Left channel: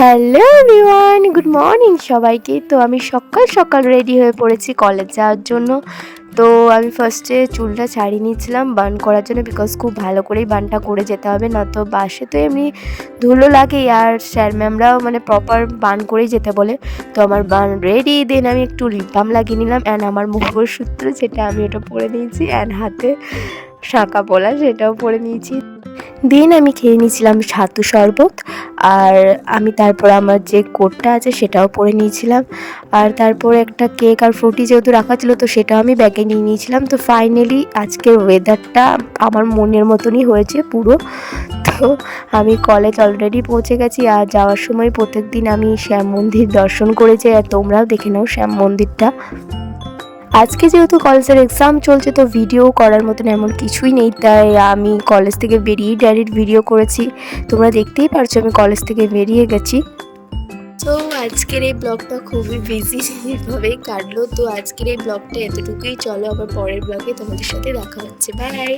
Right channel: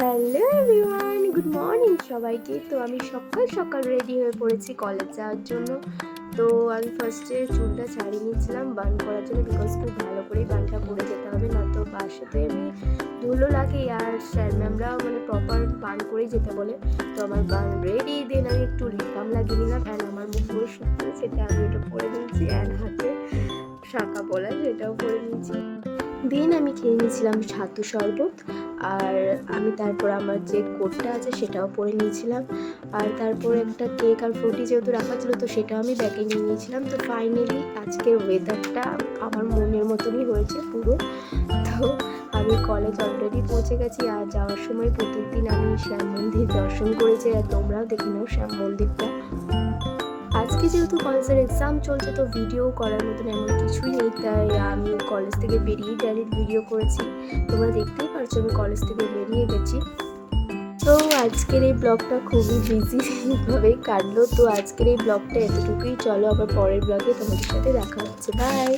Hello everyone, good morning সবাইকে। তো আমি সকাল সকাল রেডি হয়ে পড়েছি কলেজ যাওয়ার জন্য। তো আমি ফার্স্টে চুলটা ছাড়িয়ে নিয়েছিলাম বান করার জন্য, বিকজ খুব ভালো করেই বানটা করে যেতে হবে, না তো বাসে তো এমনি ধুলো লাগে আর স্যার ম্যামরাও মানে প্রপার বান করেই যেতে বলে। তো আমার বান রেডি, দেন আমি একটু লিপ বাম লাগিয়ে নিলাম অ্যান্ড আমার মঙ্গলসূত্র যেটা আমি ওটা পরে নিয়েছি অ্যান্ড হাতে শাঁকা পলা সেটাও পরে নিয়েছি। দেন আমি খেয়ে নিয়েছিলাম ছাতু শরবত, আর আমি তারপর আমার যে কোটটা আছে সেটাও পরে নিয়েছিলাম, আর তারপরে একটা কেক আর ফ্রুটি যেহেতু রাখা ছিল তো সেটাও আমি ব্যাগে নিয়ে নিয়েছিলাম। তো ফাইনালি আজকের ওয়েদারটা আমার মনের মতনই হয়েছে পুরো। তো আমি কলেজ অলরেডি পৌঁছে গেছি, আর যাওয়ার সময় প্রত্যেক দিন আমি শ্যাম মন্দির দর্শন করেছি, আর তোমরাও দেখে নাও শ্যাম মন্দিরটা। আজকে যেহেতু কলেজের এক্সাম চলছে তো ভিডিও করার মতন এমন কিছুই নেই, তাই আমি কলেজ থেকে বেরিয়েই ডাইরেক্ট ভিডিও করেছি। তোমরা দেখতেই পারছো আমি কলেজ থেকে বেরিয়ে গেছি। তো আজকের এই ব্লগটা খুবই বিজিভাবেই কাটলো। তো আজকের এই ব্লগটা এতটুকুই, চলো আবার পরের ব্লগে তোমাদের সাথে দেখা হচ্ছে। বাই।